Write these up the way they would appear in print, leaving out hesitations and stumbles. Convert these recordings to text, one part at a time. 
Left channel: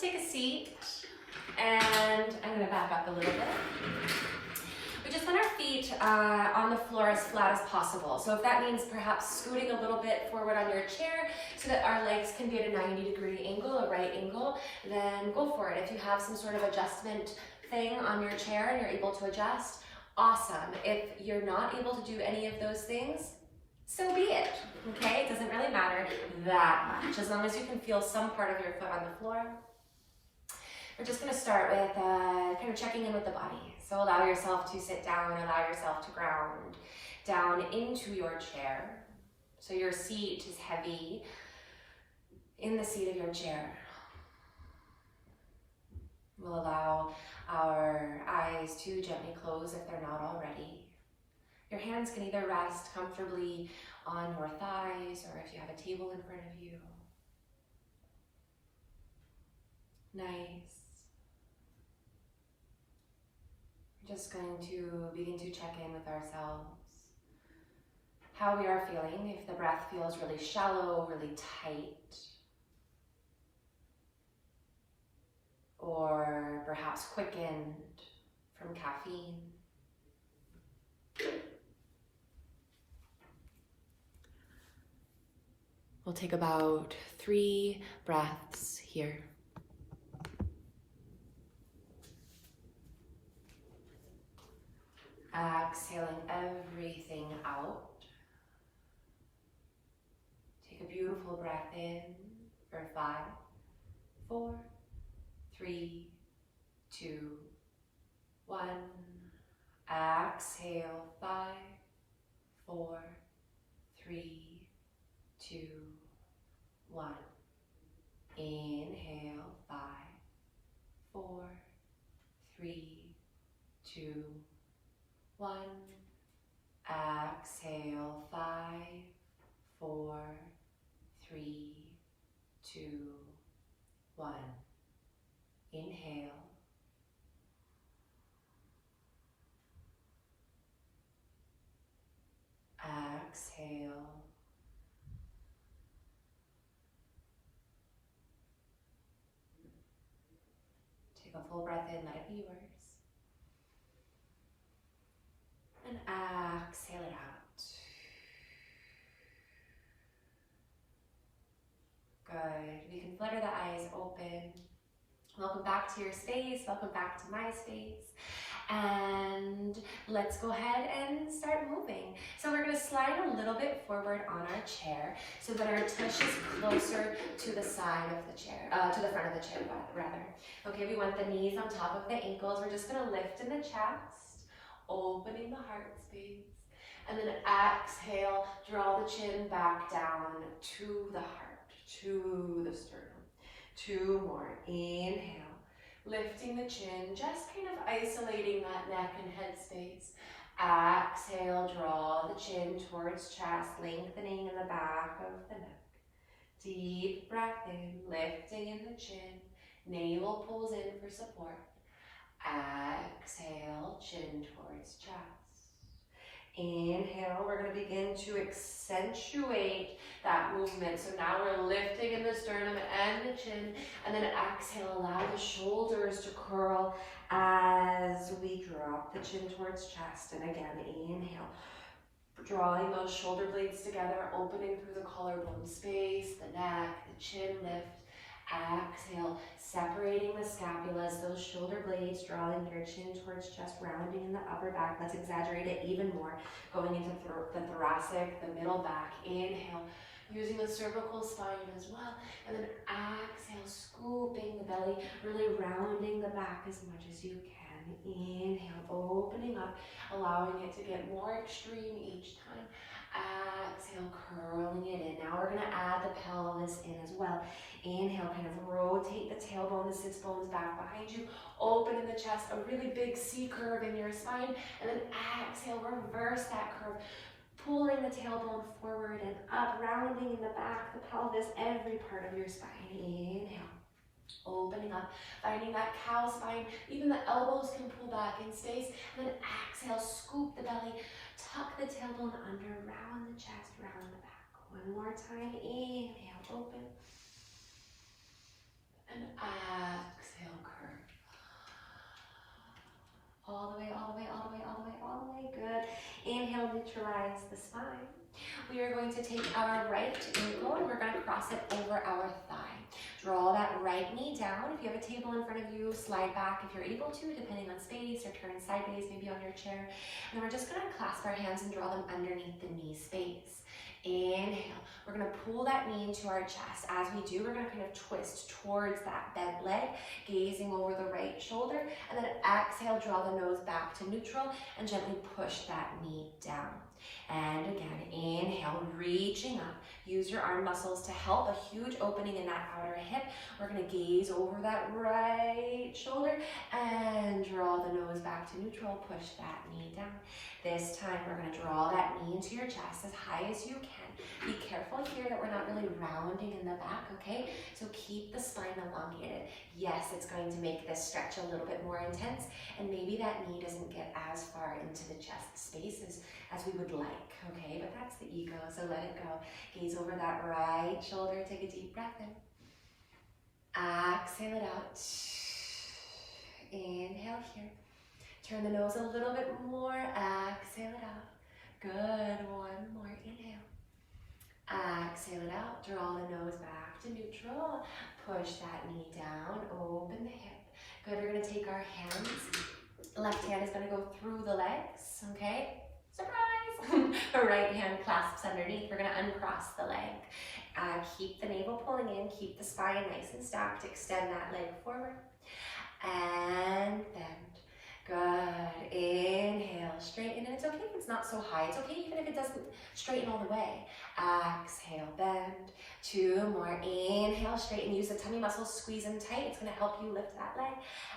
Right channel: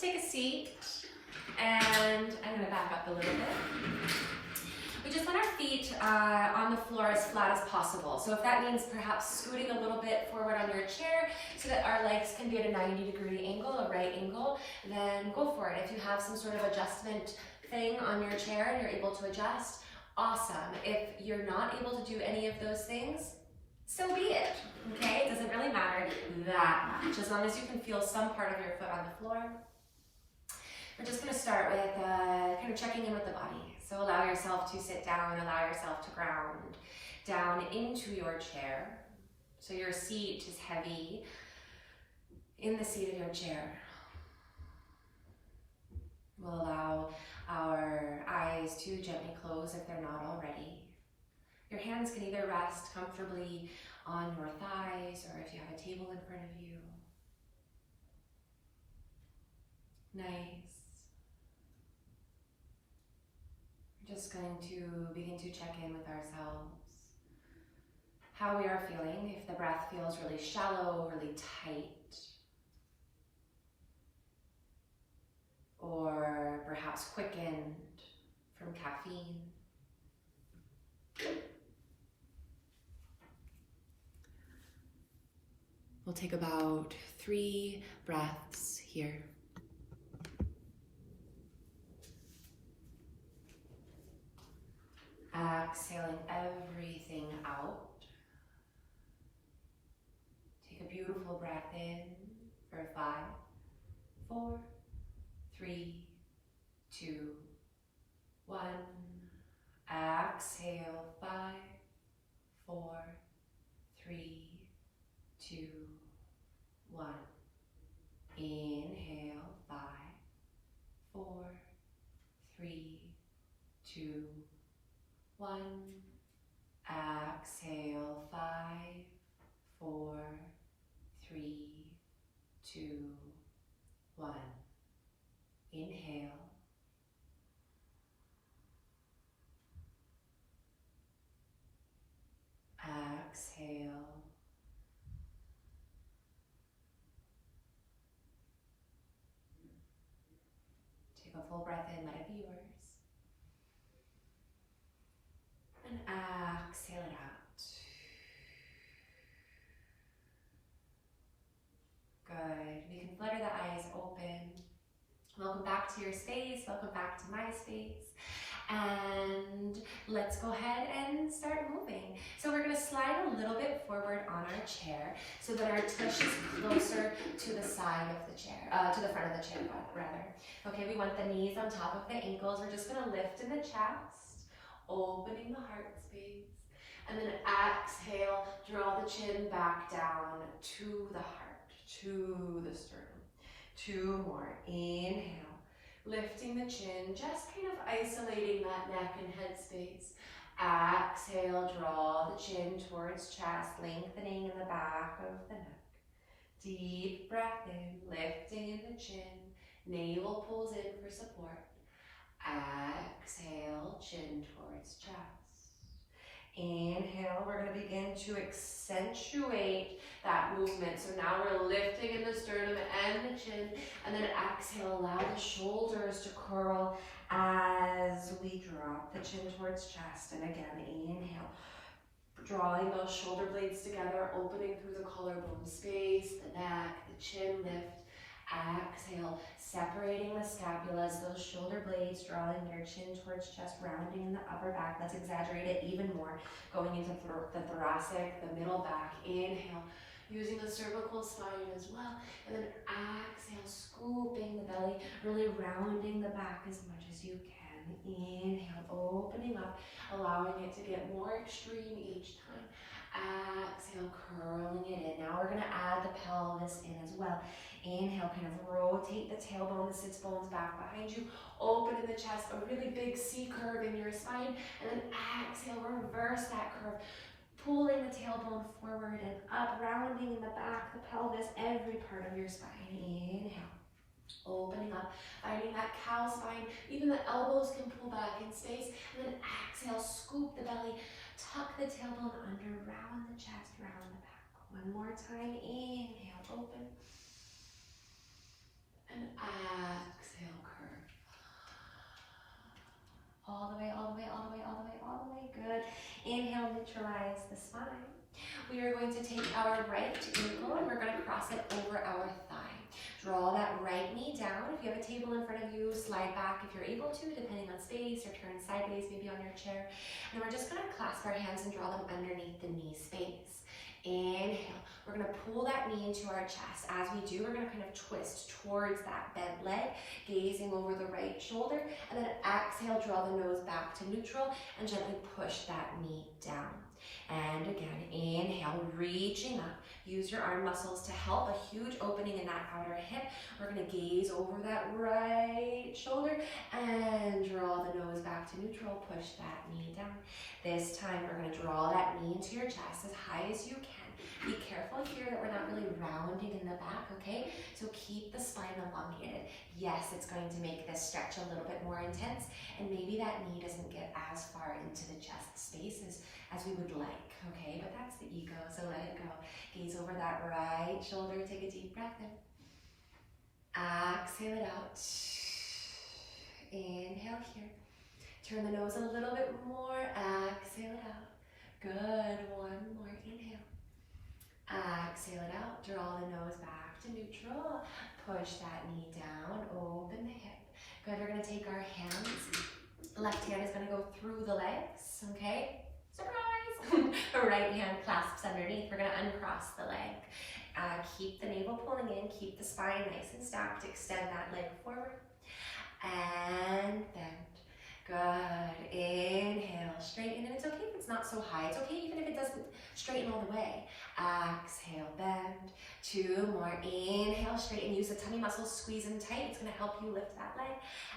just take a seat, and I'm going to back up a little bit. We just want our feet on the floor as flat as possible. So if that means perhaps scooting a little bit forward on your chair so that our legs can be at a 90-degree angle, a right angle, then go for it. If you have some sort of adjustment thing on your chair and you're able to adjust, awesome. If you're not able to do any of those things, so be it, okay? It doesn't really matter that much, as long as you can feel some part of your foot on the floor. We're just gonna start with kind of checking in with the body. So allow yourself to sit down, allow yourself to ground down into your chair. So your seat is heavy in the seat of your chair. We'll allow our eyes to gently close if they're not already. Your hands can either rest comfortably on your thighs or if you have a table in front of you. Nice. We're just going to begin to check in with ourselves. How we are feeling, if the breath feels really shallow, really tight. Or perhaps quickened from caffeine. We'll take about 3 breaths here. Exhaling everything out. Take a beautiful breath in for 5, 4, 3, 2, 1. Exhale, 5, 4, 3, 2, 1. Inhale, 5, 4, 3, 2, 1. Exhale, 5, 4, 3, 2, 1. Inhale. Exhale. Take a full breath in, let it be yours. And exhale it out. Good. We can flutter the eyes open. Welcome back to your space. Welcome back to my space. And let's go ahead and start moving. So we're going to slide a little bit forward on our chair so that our tush is closer to the side of the chair, to the front of the chair rather. Okay, we want the knees on top of the ankles. We're just going to lift in the chest, opening the heart space. And then exhale, draw the chin back down to the heart, to the sternum. 2 more. Inhale. Lifting the chin, just kind of isolating that neck and head space. Exhale, draw the chin towards chest, lengthening in the back of the neck. Deep breath in, lifting in the chin. Navel pulls in for support. Exhale, chin towards chest. Inhale, we're going to begin to accentuate that movement. So now we're lifting in the sternum and the chin, and then exhale, allow the shoulders to curl as we drop the chin towards chest. And again, inhale, drawing those shoulder blades together, opening through the collarbone space, the neck, the chin lift. Exhale, separating the scapulas, those shoulder blades, drawing your chin towards chest, rounding in the upper back. Let's exaggerate it even more, going into the thoracic, the middle back. Inhale, using the cervical spine as well. And then exhale, scooping the belly, really rounding the back as much as you can. Inhale, opening up, allowing it to get more extreme each time. Exhale, curling it in. Now we're going to add the pelvis in as well. Inhale, kind of rotate the tailbone, the sits bones back behind you. Open in the chest, a really big C curve in your spine. And then exhale, reverse that curve. Pulling the tailbone forward and up, rounding in the back, the pelvis, every part of your spine. Inhale. Opening up, finding that cow spine. Even the elbows can pull back in space. And then exhale, scoop the belly. Tuck the tailbone under, round the chest, round the back. One more time. Inhale, open. And we are going to take our right ankle and we're going to cross it over our thigh. Draw that right knee down. If you have a table in front of you, slide back if you're able to, depending on space, or turn sideways, maybe on your chair. And we're just going to clasp our hands and draw them underneath the knee space. Inhale. We're going to pull that knee into our chest. As we do, we're going to kind of twist towards that bent leg, gazing over the right shoulder. And then exhale, draw the nose back to neutral and gently push that knee down. And again, inhale, reaching up. Use your arm muscles to help a huge opening in that outer hip. We're going to gaze over that right shoulder and draw the nose back to neutral. Push that knee down. This time, we're going to draw that knee into your chest as high as you can. Be careful here that we're not really rounding in the back, okay? So keep the spine elongated. Yes, it's going to make this stretch a little bit more intense, and maybe that knee doesn't get as far into the chest space as we would like, okay? But that's the ego, so let it go. Gaze over that right shoulder. Take a deep breath in. Exhale it out. Inhale here. Turn the nose a little bit more. Exhale it out. Good. One more. Inhale. Exhale it out. Draw the nose back to neutral. Push that knee down. Open the hip. Good. We're going to take our hands. The left hand is going to go through the legs. Okay? Surprise! The right hand clasps underneath. We're going to uncross the leg. Keep the navel pulling in. Keep the spine nice and stacked. Extend that leg forward. And bend. Good. Inhale, straighten, and it's okay if it's not so high. It's okay even if it doesn't straighten all the way. Exhale, bend. Two more. Inhale, straighten. Use the tummy muscles, squeeze them tight. It's going to help you lift that leg.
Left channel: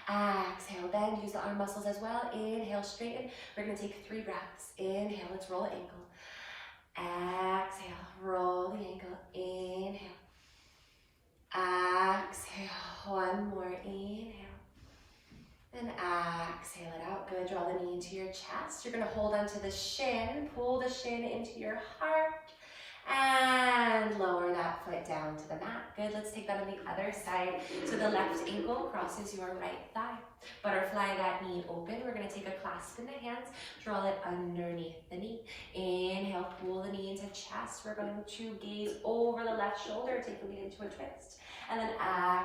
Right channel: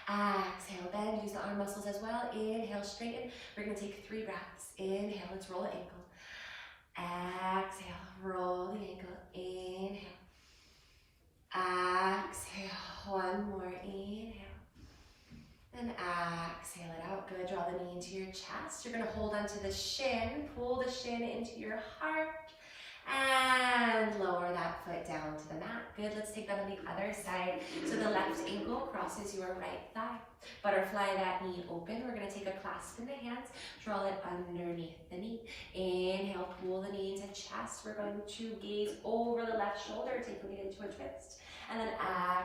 Exhale, bend. Use the arm muscles as well. Inhale, straighten. We're going to take 3 breaths. Inhale, let's roll the ankle. Exhale, roll the ankle. Inhale. Exhale. One more. Inhale. And exhale it out. Good. Draw the knee into your chest. You're going to hold onto the shin. Pull the shin into your heart. And lower that foot down to the mat. Good. Let's take that on the other side. So the left ankle crosses your right thigh. Butterfly that knee open. We're going to take a clasp in the hands. Draw it underneath the knee. Inhale. Pull the knee into chest. We're going to gaze over the left shoulder. Take the knee into a twist. And then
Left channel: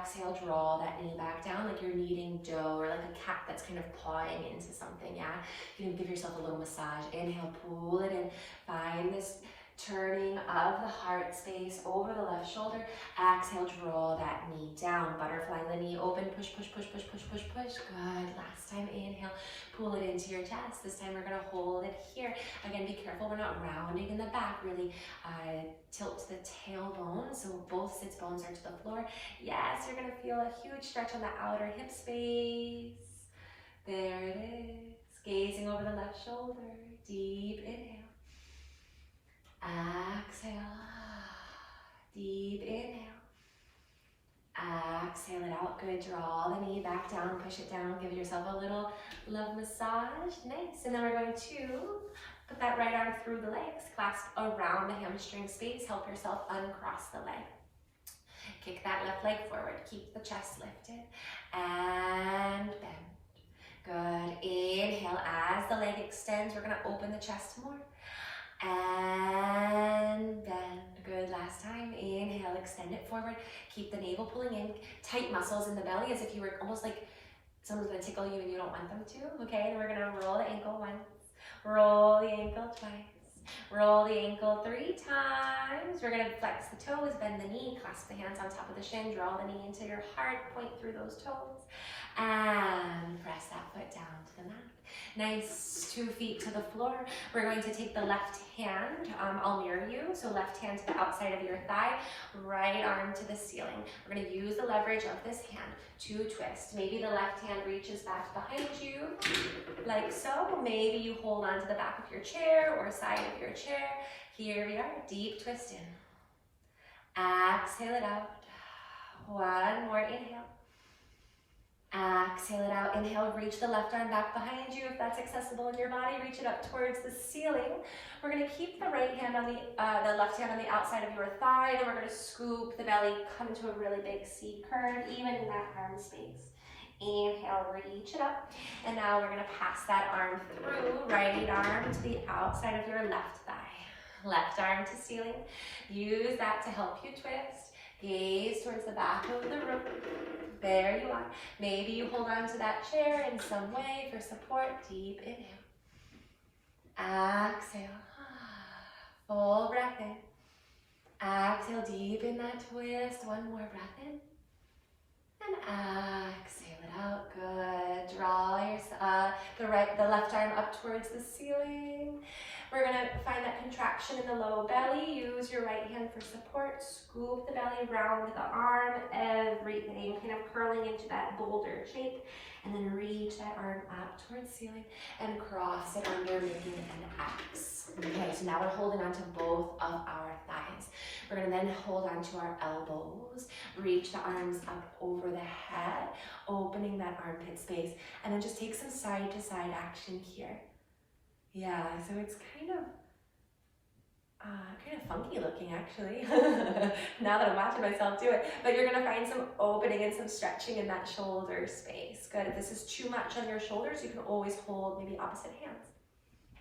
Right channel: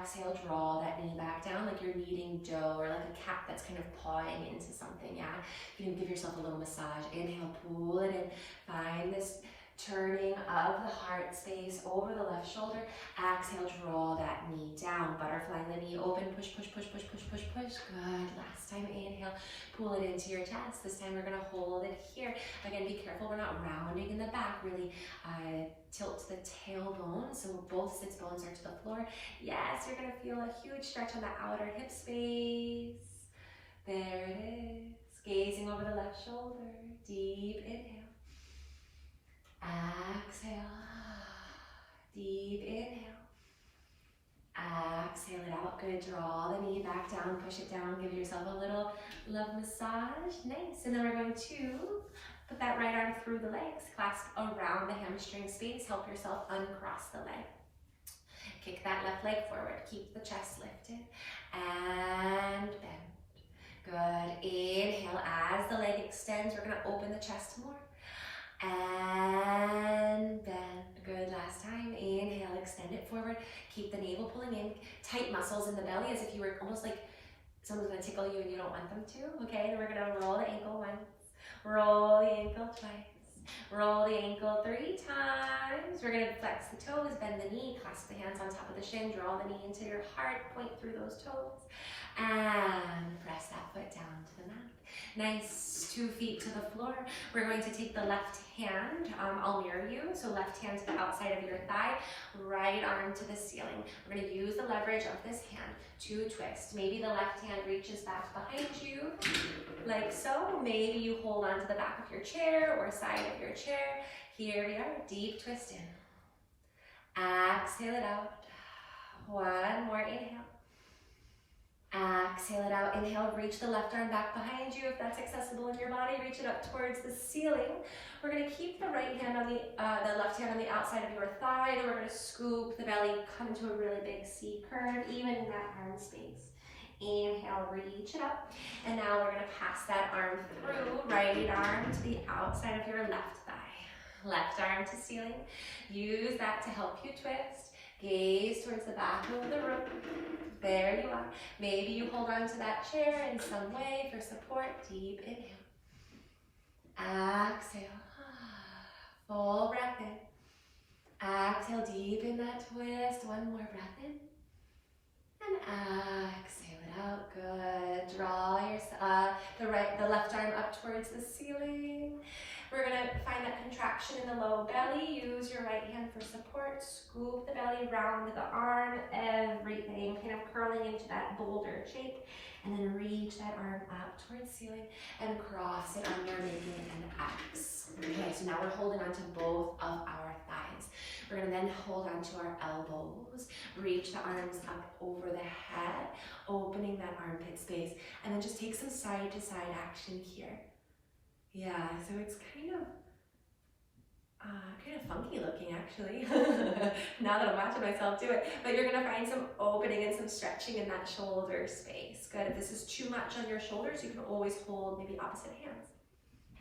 exhale, draw that knee back down like you're kneading dough or like a cat that's kind of pawing into something, yeah? You can give yourself a little massage. Inhale, pull it in. Find this turning of the heart space over the left shoulder. Exhale, draw that knee down. Butterfly the knee open. Push, push, push, push, push, push, push. Good. Last time, inhale. Pull it into your chest. This time we're going to hold it here. Again, be careful we're not rounding in the back. Really tilt the tailbone so both sits bones are to the floor. Yes, you're going to feel a huge stretch on the outer hip space. There it is. Gazing over the left shoulder. Deep inhale. Exhale. Deep inhale. Exhale it out. Good. Draw the knee back down. Push it down. Give yourself a little love massage. Nice. And then we're going to put that right arm through the legs. Clasp around the hamstring space. Help yourself uncross the leg. Kick that left leg forward. Keep the chest lifted. And bend. Good. Inhale. As the leg extends, we're going to open the chest more. And bend. Good. Last time. Inhale, extend it forward. Keep the navel pulling in. Tight muscles in the belly as if you were almost like someone's going to tickle you and you don't want them to. Okay, then we're going to roll the ankle once. Roll the ankle twice. Roll the ankle 3 times. We're going to flex the toes, bend the knee, clasp the hands on top of the shin, draw the knee into your heart, point through those toes, and press that foot down to the mat. Nice, 2 feet to the floor. We're going to take the left hand, I'll mirror you, so left hand to the outside of your thigh, right arm to the ceiling. We're going to use the leverage of this hand to twist. Maybe the left hand reaches back behind you, like so. Maybe you hold on to the back of your chair or side of your chair. Here we are, deep twist in. Exhale it out. One more inhale. Exhale it out. Inhale, reach the left arm back behind you if that's accessible in your body. Reach it up towards the ceiling. We're going to keep the right hand on the left hand on the outside of your thigh, and we're going to scoop the belly, come to a really big C curve, even in that arm space. Inhale, reach it up. And now we're going to pass that arm through, right arm to the outside of your left thigh. Left arm to ceiling. Use that to help you twist. Gaze towards the back of the room. There you are. Maybe you hold on to that chair in some way for support. Deep inhale. Exhale. Full breath in. Exhale, deepen that twist. One more breath in. And exhale it out. Good. Draw the left arm up towards the ceiling. We're going to find that contraction in the low belly. Use your right hand for support. Scoop the belly round the arm. Everything kind of curling into that boulder shape. And then reach that arm up towards the ceiling and cross it under, making an X. Okay, so now we're holding on to both of our thighs. We're going to then hold on to our elbows. Reach the arms up over the head, opening that armpit space. And then just take some side to side action here. Yeah, so it's kind of funky looking actually, now that I'm watching myself do it. But you're gonna find some opening and some stretching in that shoulder space. Good, if this is too much on your shoulders, you can always hold maybe opposite hands.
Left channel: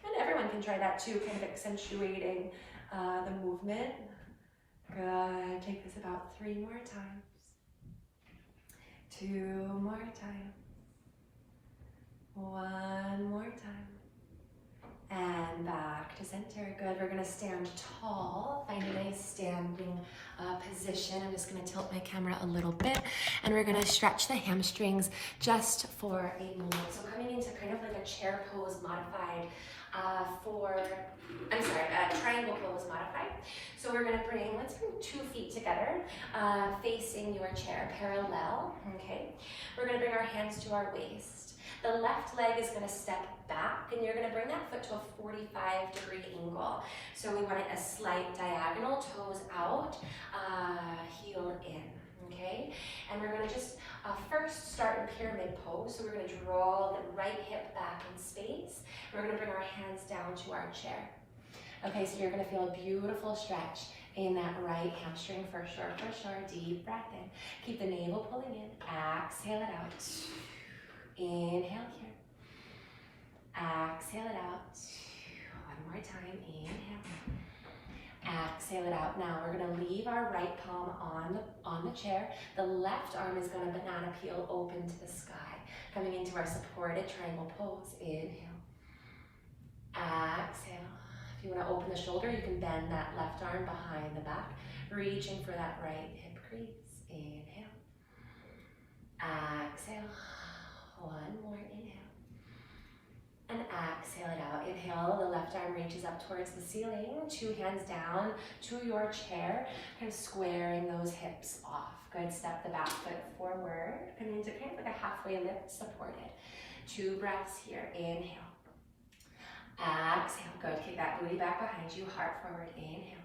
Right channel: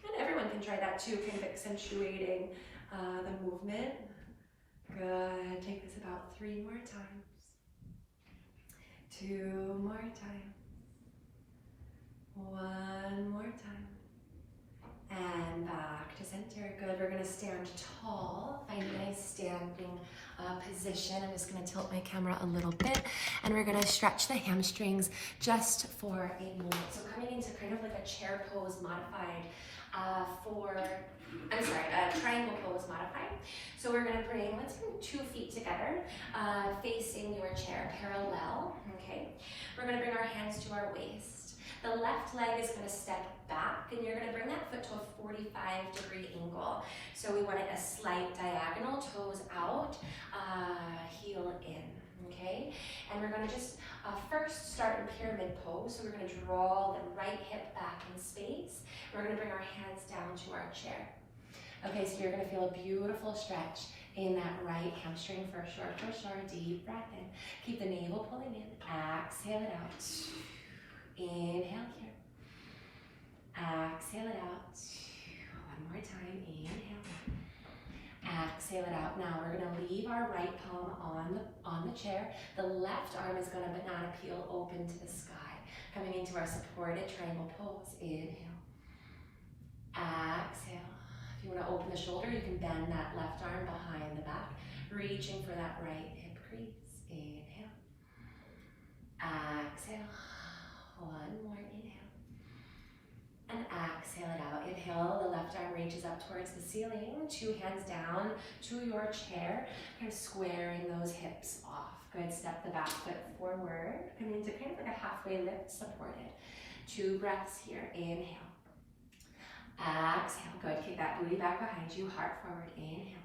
And everyone can try that too, kind of accentuating the movement. Good, take this about 3 more times. 2 more times. 1 more time. And back to center. Good. We're going to stand tall. Find a nice standing position. I'm just going to tilt my camera a little bit. And we're going to stretch the hamstrings just for a moment. So coming into kind of like a chair pose modified triangle pose modified. So we're going to bring, let's bring 2 feet together, facing your chair, parallel. Okay. We're going to bring our hands to our waist. The left leg is going to step back, and you're going to bring that foot to a 45-degree angle. So we want it a slight diagonal, toes out, heel in, okay? And we're going to just first start in pyramid pose. So we're going to draw the right hip back in space. We're going to bring our hands down to our chair. Okay, so you're going to feel a beautiful stretch in that right hamstring for sure, for sure. Deep breath in. Keep the navel pulling in. Exhale it out. Inhale here. Exhale it out. 1 more time. Inhale. Exhale it out. Now we're going to leave our right palm on the chair. The left arm is going to banana peel open to the sky. Coming into our supported triangle pose. Inhale. Exhale. If you want to open the shoulder, you can bend that left arm behind the back, reaching for that right hip crease. Inhale. Exhale. 1 more inhale. And exhale it out. Inhale, the left arm reaches up towards the ceiling. 2 hands down to your chair, kind of squaring those hips off. Good, step the back foot forward. Coming into kind of like a halfway lift, supported. 2 breaths here. Inhale. Exhale. Good, kick that booty back behind you, heart forward. Inhale.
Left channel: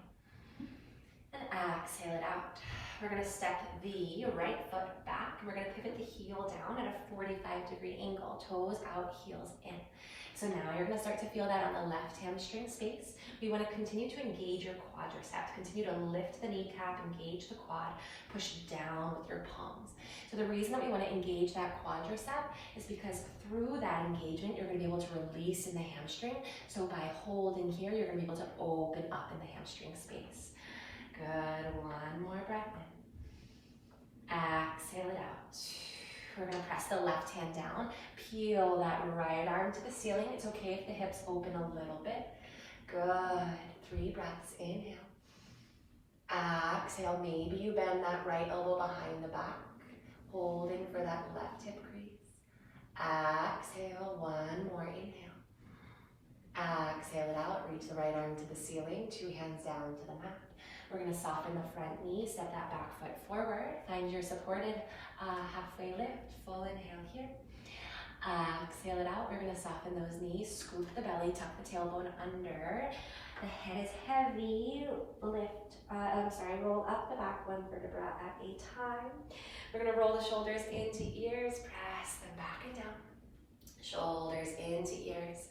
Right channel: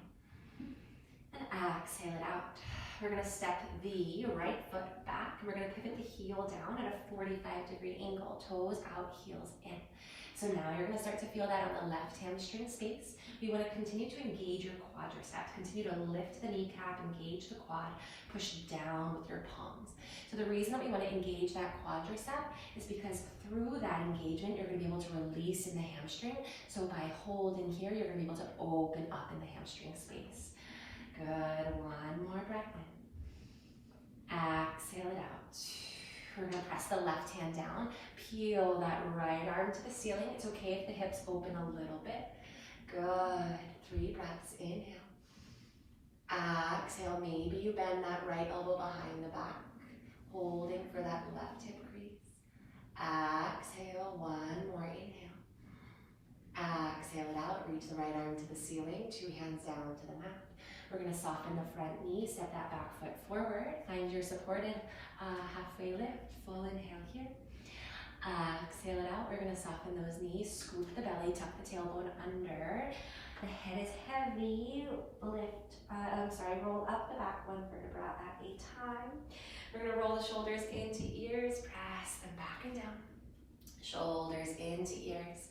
And exhale it out. We're going to step the right foot back. We're going to pivot the heel down at a 45-degree angle. Toes out, heels in. So now you're going to start to feel that on the left hamstring space. We want to continue to engage your quadriceps. Continue to lift the kneecap, engage the quad, push down with your palms. So the reason that we want to engage that quadricep is because through that engagement, you're going to be able to release in the hamstring. So by holding here, you're going to be able to open up in the hamstring space. Good. 1 more breath in. Exhale it out. We're going to press the left hand down. Peel that right arm to the ceiling. It's okay if the hips open a little bit. Good. 3 breaths. Inhale. Exhale. Maybe you bend that right elbow behind the back. Holding for that left hip crease. Exhale. 1 more inhale. Exhale it out. Reach the right arm to the ceiling. 2 hands down to the mat. We're going to soften the front knee, step that back foot forward. Find your supported halfway lift. Full inhale here. Exhale it out. We're going to soften those knees, scoop the belly, tuck the tailbone under. The head is heavy. Roll up the back 1 vertebra at a time. We're going to roll the shoulders into ears, press them back and down. Shoulders into ears.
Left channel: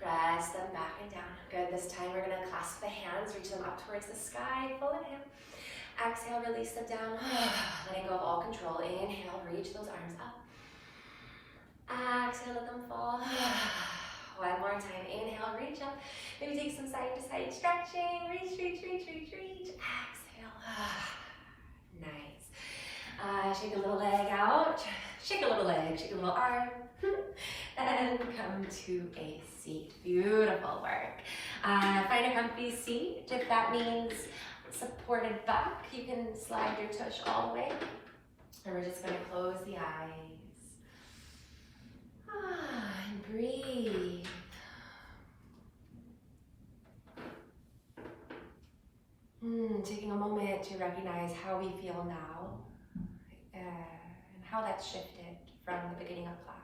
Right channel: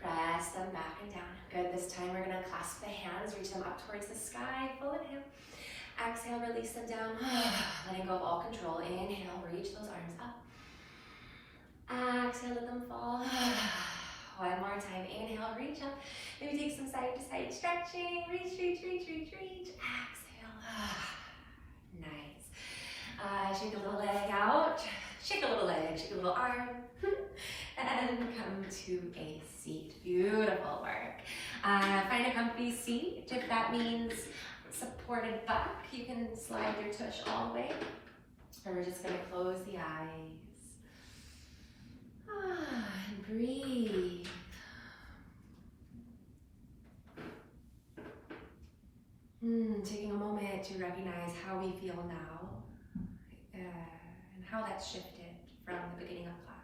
Press them back and down. Good. This time we're going to clasp the hands, reach them up towards the sky. Full inhale. Exhale, release them down. Letting go of all control. Inhale, reach those arms up. Exhale, let them fall. One more time, inhale, reach up. Maybe take some side to side stretching. Reach, reach, reach, reach, reach. Exhale. Nice. Shake a little leg out. Shake a little leg, shake a little arm. And come to a seat. Beautiful work. Find a comfy seat. If that means supported back, you can slide your tush all the way. And we're just going to close the eyes. And breathe. Taking a moment to recognize how we feel now and how that's shifted from the beginning of class.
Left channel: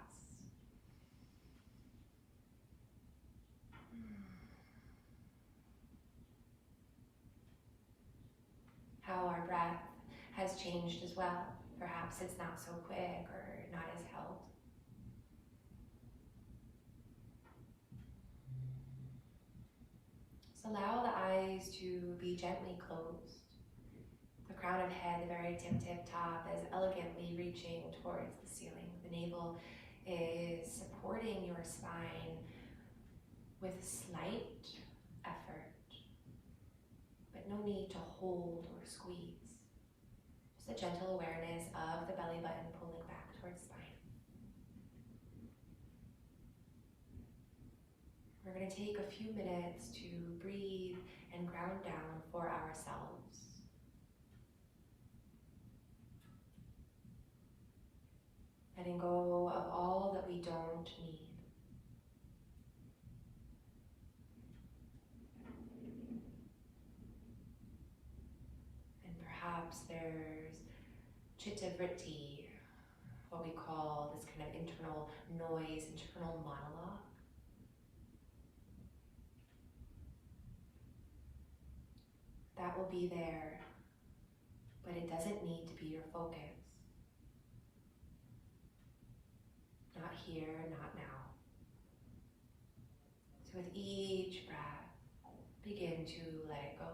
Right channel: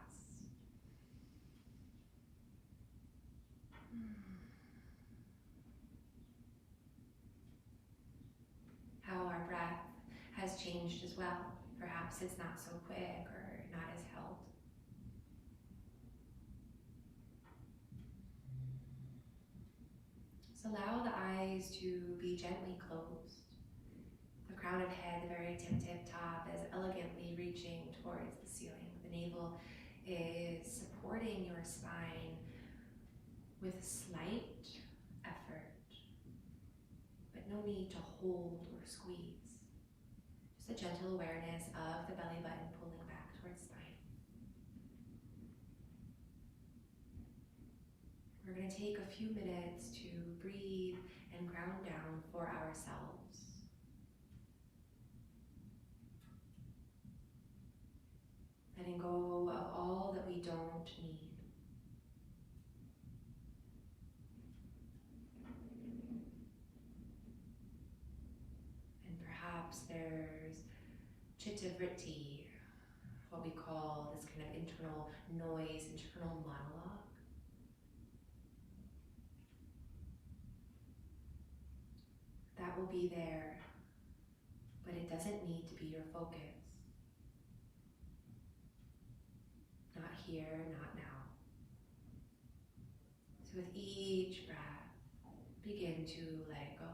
How our breath has changed as well. Perhaps it's not so quick or not as held. So allow the eyes to be gently closed. The crown of head, the very tip top, is elegantly reaching towards the ceiling. The navel is supporting your spine with slight effort, but no need to hold or squeeze. Just a gentle awareness of the belly button pulling back towards spine. We're going to take a few minutes to breathe and ground down for ourselves. Letting go of all that we don't need. And perhaps there's chitta-vritti, what we call this kind of internal noise, internal monologue. That will be there, but it doesn't need to be your focus. Not here, not now. So with each breath, begin to let it go.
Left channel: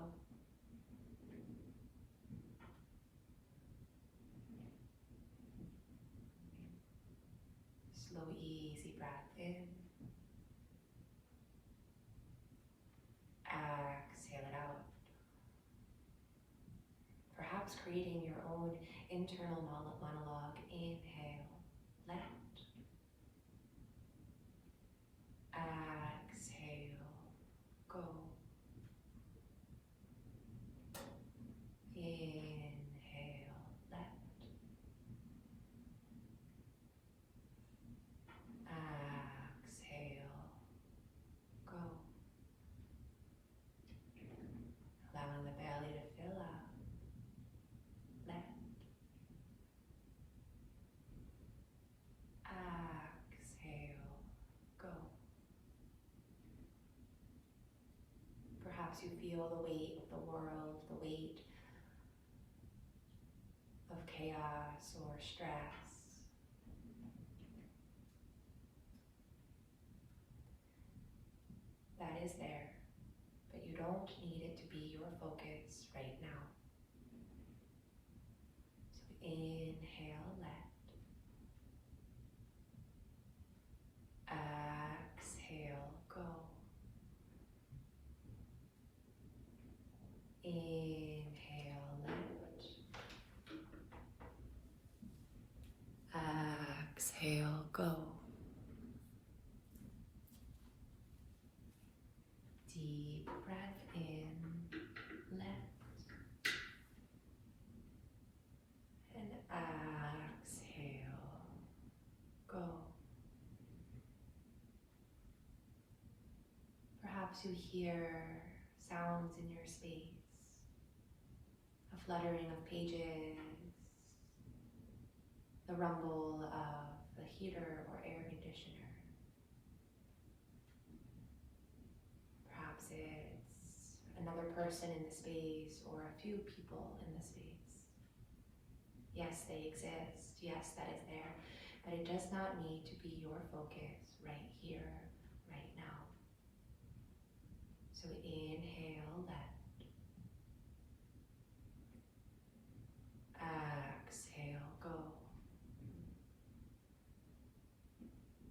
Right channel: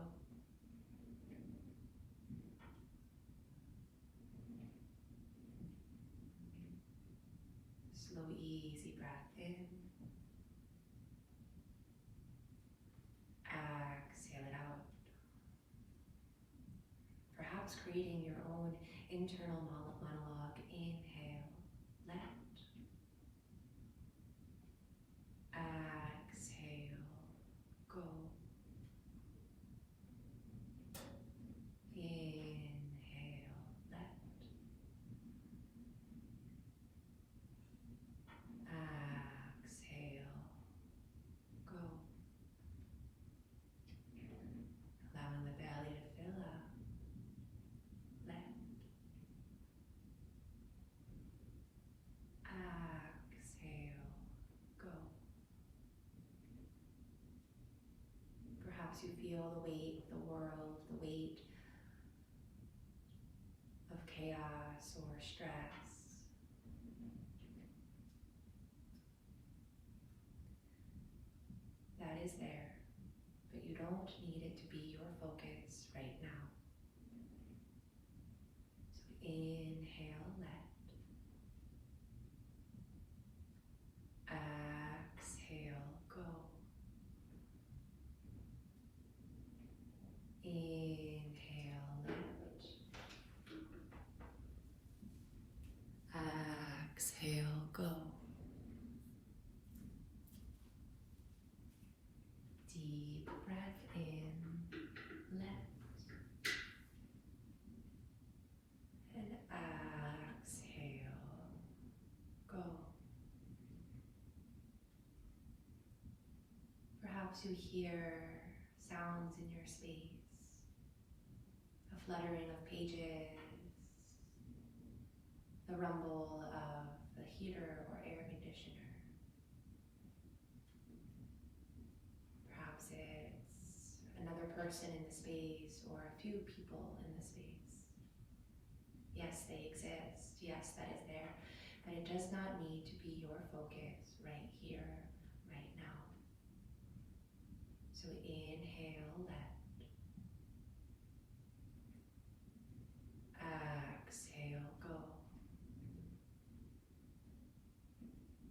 Slow, easy breath in. Exhale it out. Perhaps creating your own internal monologue. Inhale, let. Exhale, go. Inhale, let. Exhale, go. Allowing the belly to fill up. Let. Exhale, go. Perhaps you feel the weight of the world, the weight of chaos or stress. That is there, but you don't need it to be your focus right now. So inhale, let. Exhale, go. Inhale, let. Exhale, go. Deep breath in, let. And exhale, go. Perhaps you hear sounds in your space. A fluttering of pages, the rumble of the heater or air conditioner. Perhaps it's another person in the space or a few people in the space. Yes, they exist. Yes, that is there. But it does not need to be your focus right here, right now. So inhale, let. Exhale, go.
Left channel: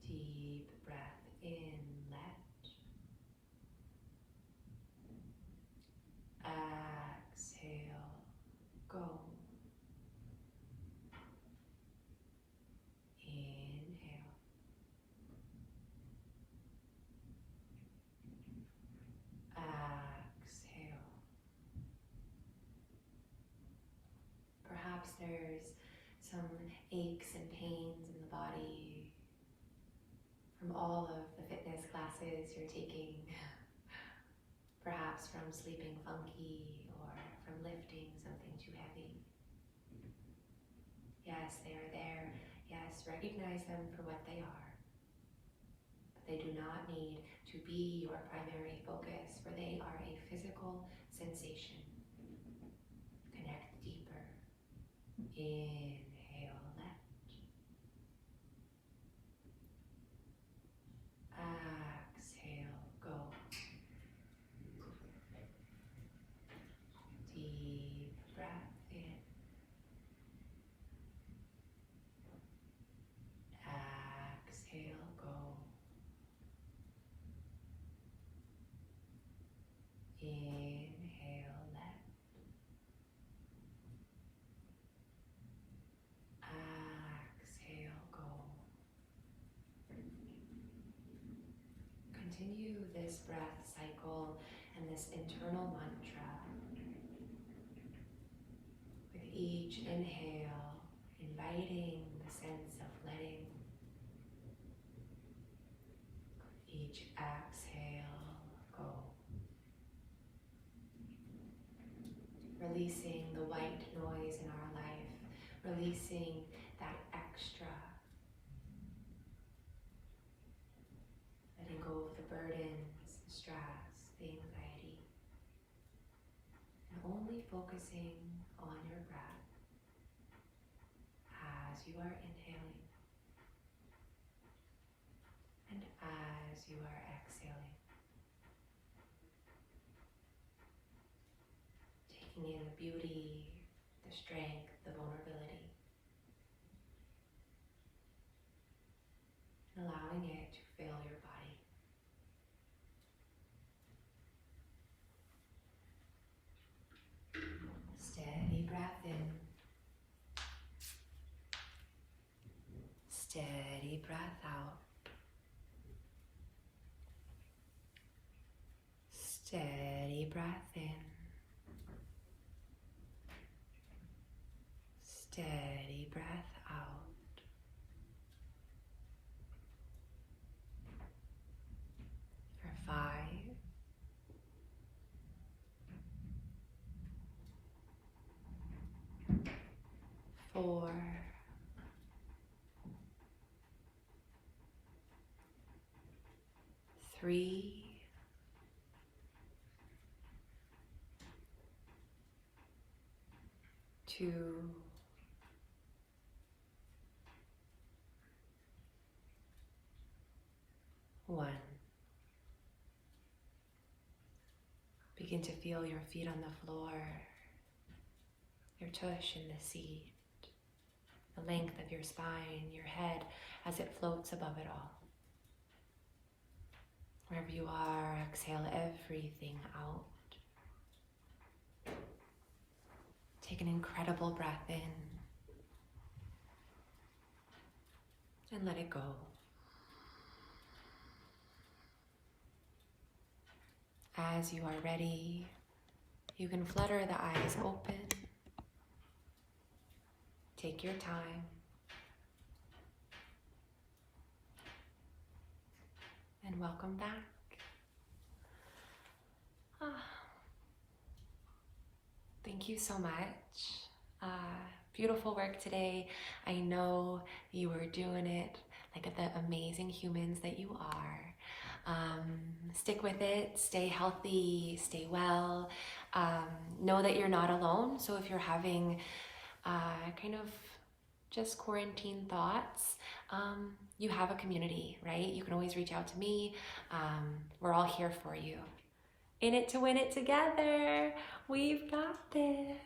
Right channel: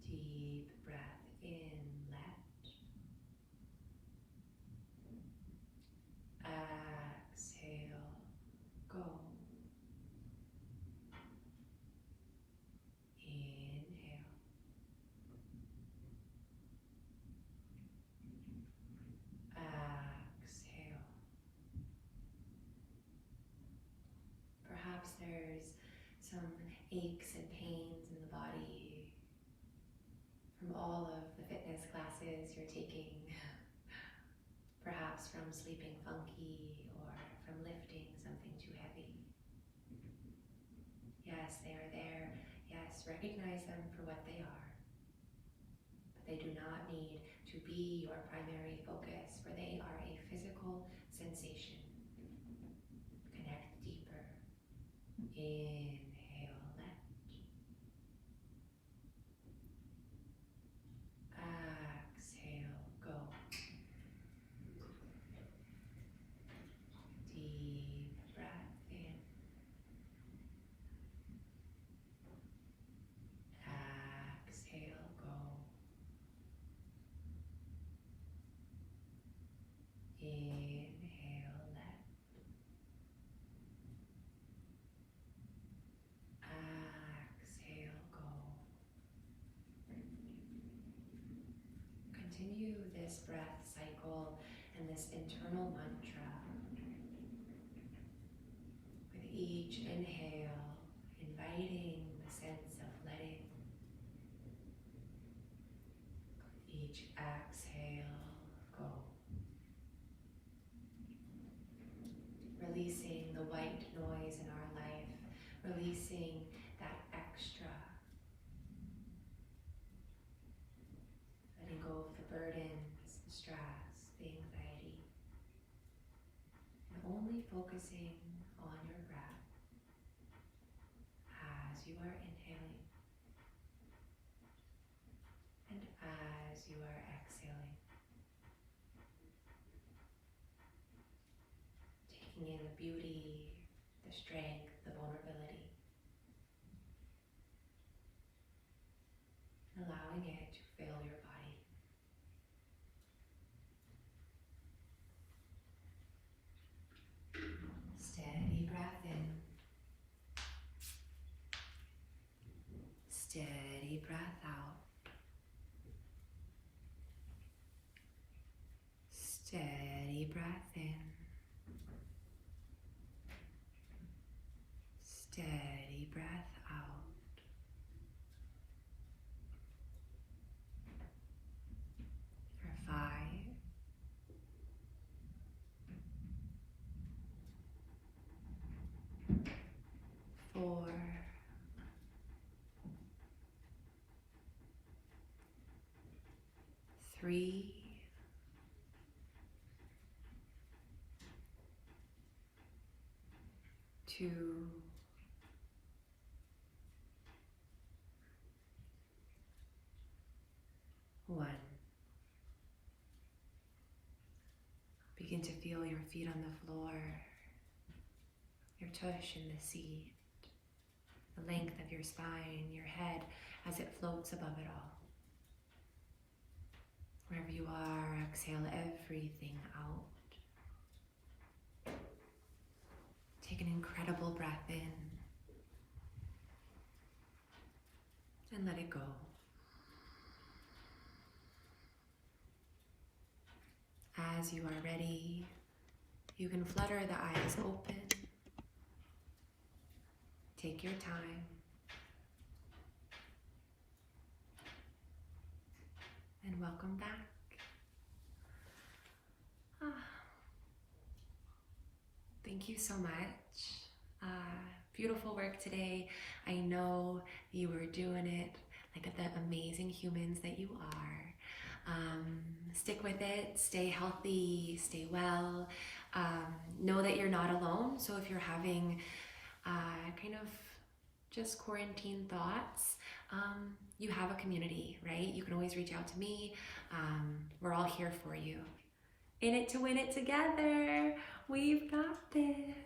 Deep breath in, let. there's some aches and pains in the body from all of the fitness classes you're taking, perhaps from sleeping funky or from lifting something too heavy. Yes, they are there. Yes, recognize them for what they are. But they do not need to be your primary focus, for they are a physical sensation. Connect deeper. Inhale, let. Exhale, go. Deep breath in. Exhale, go. Inhale, let. Exhale, go. Continue this breath cycle and this internal mantra. With each inhale, inviting the sense of letting. Each exhale, go. Releasing the white noise in our life, releasing that extra. Letting go of the burdens, the stress, the anxiety. And only focusing on your breath as you are inhaling and as you are exhaling. Taking in the beauty, the strength, the vulnerability. And allowing it to fill your body. Steady breath in. Steady breath out. Steady breath in. Steady breath out. For 5, 4, 3, 2, 1. Begin to feel your feet on the floor, your tush in the seat, the length of your spine, your head as it floats above it all. Wherever you are, exhale everything out. Take an incredible breath in and let it go. As you are ready, you can flutter the eyes open. Take your time. And welcome back. Thank you so much. Beautiful work today. I know you were doing it like the amazing humans that you are. Stick with it, stay healthy, stay well. Know that you're not alone. So if you're having kind of just quarantine thoughts, you have a community, right? You can always reach out to me. We're all here for you. In it to win it together. We've got this.